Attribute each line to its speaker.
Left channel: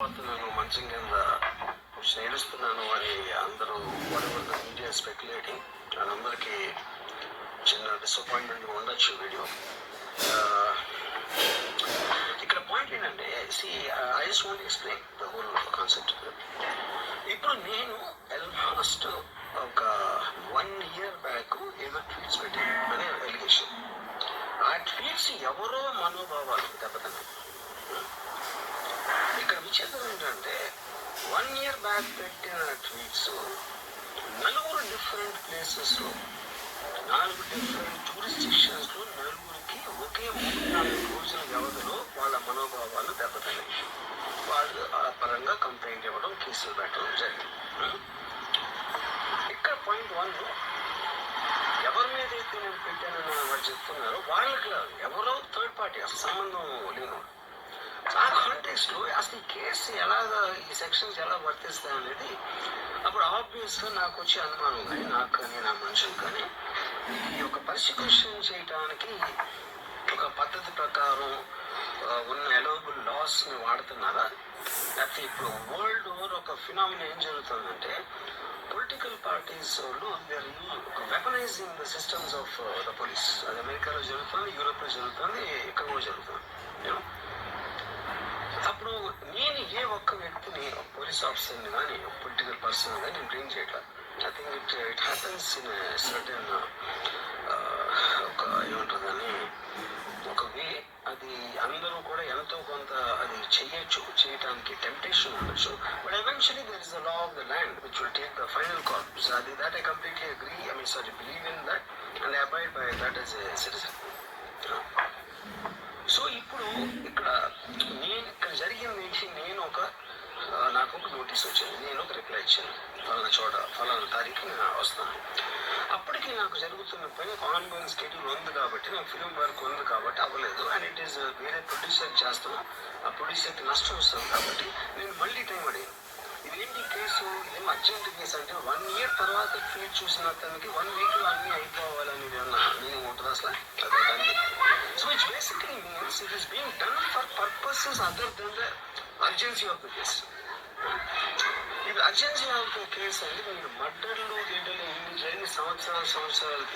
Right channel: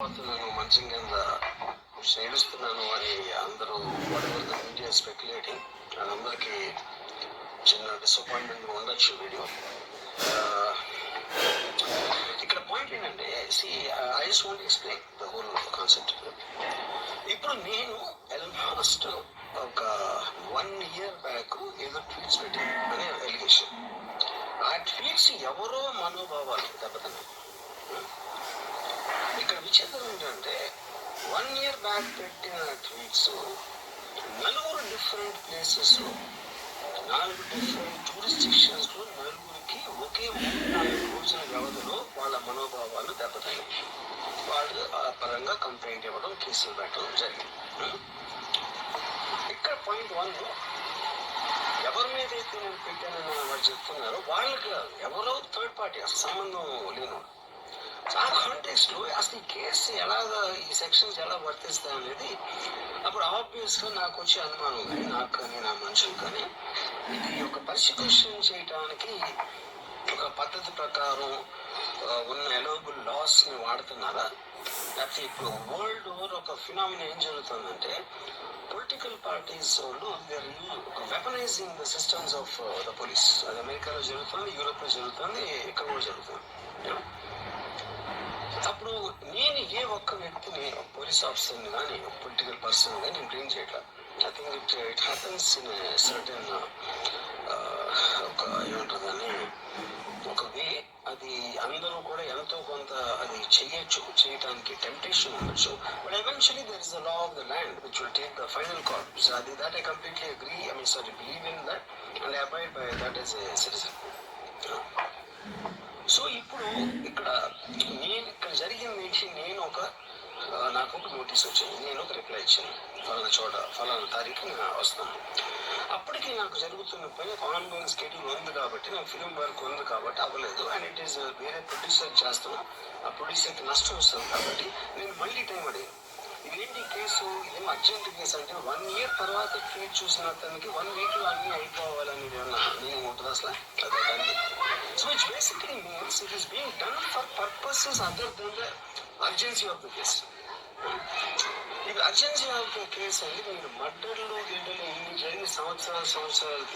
Speaker 1: పోతున్నాను మంచం కింద ఏడుస్తున్నాను అని అందరూ వారెవర్ ద మీడియా స్పెక్యులేటింగ్ వాళ్ళందరికీ చిన్న డిసప్పాయింట్మెంట్ ఉండొచ్చు వీడియో. ఇక్కడ పాయింట్ ఏంటంటే see I just want explain the whole concept ఇప్పుడు నేను ఆల్మోస్ట్ ఒక వన్ ఇయర్ బ్యాక్ ఏదో ట్వీట్స్ పెట్టాను అనే ఎలిగేషన్ ఆ ట్వీట్స్ ఎవరో మనోభావాలు దెబ్బతిన్నాయి. ఇక్కడ విచిత్రం ఏంటంటే వన్ ఇయర్ బ్యాక్ పెట్టిన ట్వీట్స్ నలుగురు డిఫరెంట్ ప్లేసెస్లో నాలుగు డిఫరెంట్ టూరిస్టిక్షన్స్లో నలుగురికి ఒకే మూడు నాలుగు రోజుల వ్యవధిలో వాళ్ళ మనోభావాలు దెబ్బతిన్నాయి. వాళ్ళు ఆ పరంగా కంప్లైంట్ ఇవ్వడం కేసులు పెట్టడం జరిగింది. ఇక్కడ పాయింట్ వన్ ఎవరి మీద అయితే నేను పెట్టానని వాళ్ళు చెప్తున్నారో వాళ్ళకి ఎవరో థర్డ్ పార్టీ అసలు సంబంధం లేను ఆ కాంటెక్స్ట్లో అసలు ఈ కేసు ఎలాగా ఈ సెక్షన్స్ ఎలా వర్తిస్తాయి అనేది అప్పుడు ఆబ్వియస్గా నాకు వచ్చే అనుమానం కానీ నాకు కానీ నా మనుషులు కానీ ఈ యొక్క పర్సిక్యూషన్ చేయటానికి ఒక పద్ధతి ప్రకారం ఉన్న అలోబుల్ లాస్ని వాడుతున్నారా? లేకపోతే ఇప్పుడు వరల్డ్ ఓవర్ ఒక ఫినామినా ఏం జరుగుతుందంటే పొలిటికల్ పార్టీస్ వాళ్ళు weaponizing the systems of the police అది అమెరికాలో జరుగుతుంది యూరోప్లో జరుగుతుంది ఎక్కడో జరుగుతుంది అప్పుడు నేను ఏ ఒక్క వ్యక్తిని పోలీస్ ఆఫీసర్ని కానీ పొలిటికల్ పర్సన్ కానీ నేను బ్లేమ్ చేయట్లేదు I think it it happens in certain ఒక ఏమంటుందని ఒక వే అది అందరూ కూడా ఎంతో కొంత అది చేయొచ్చు చేయడానికి టెంప్టేషన్ ఉండొచ్చు. But eventually there is the law of the land which will take the final call so అది that I completely agree I mean sorry believe in that and I abide by that is a citizen so ఇప్పుడు ఇక్కడ నేను ఇక్కడ జరిగింది ఏంటి నేను ఒక ఆ, నాకు ఒక నోటీస్ వచ్చింది. నేను ఒక రిప్లై ఇచ్చాను. ఫలానా చోట ఫలానా తారీఖు నేను వస్తాను. అప్పటికి నాకు జరుగుతున్న పని ఒక ఆన్గోయింగ్ స్కెడ్యూల్ ఉంది కాబట్టి నాకు ఫిలిం వర్క్ ఉంది కాబట్టి అవ్వలేదు. అండ్ ఇట్ ఈస్ వేరే ప్రొడ్యూసర్ చేస్తాను ఆ ప్రొడ్యూసర్కి నష్టం వస్తుంది కాబట్టి నేను మళ్ళీ టైం అడిగాను. ఇదేంటి కేసు ఇదేం అర్జెంట్ కేసు అంటే వన్ ఇయర్ తర్వాత ట్వీట్ చూసిన అతనికి వన్ వీక్లో అన్ని అయిపోవాలని నేను ఉంటుంది అసలు? So it's basically means it is being done for purposes other than the urgency of the case ఇది అర్జెన్సీ ఆఫ్ కేసు అంటే మీరు మర్డర్లు గిడ్డలు ఇన్ని జరిగిన సంవత్సరాలు సంవత్సరాలు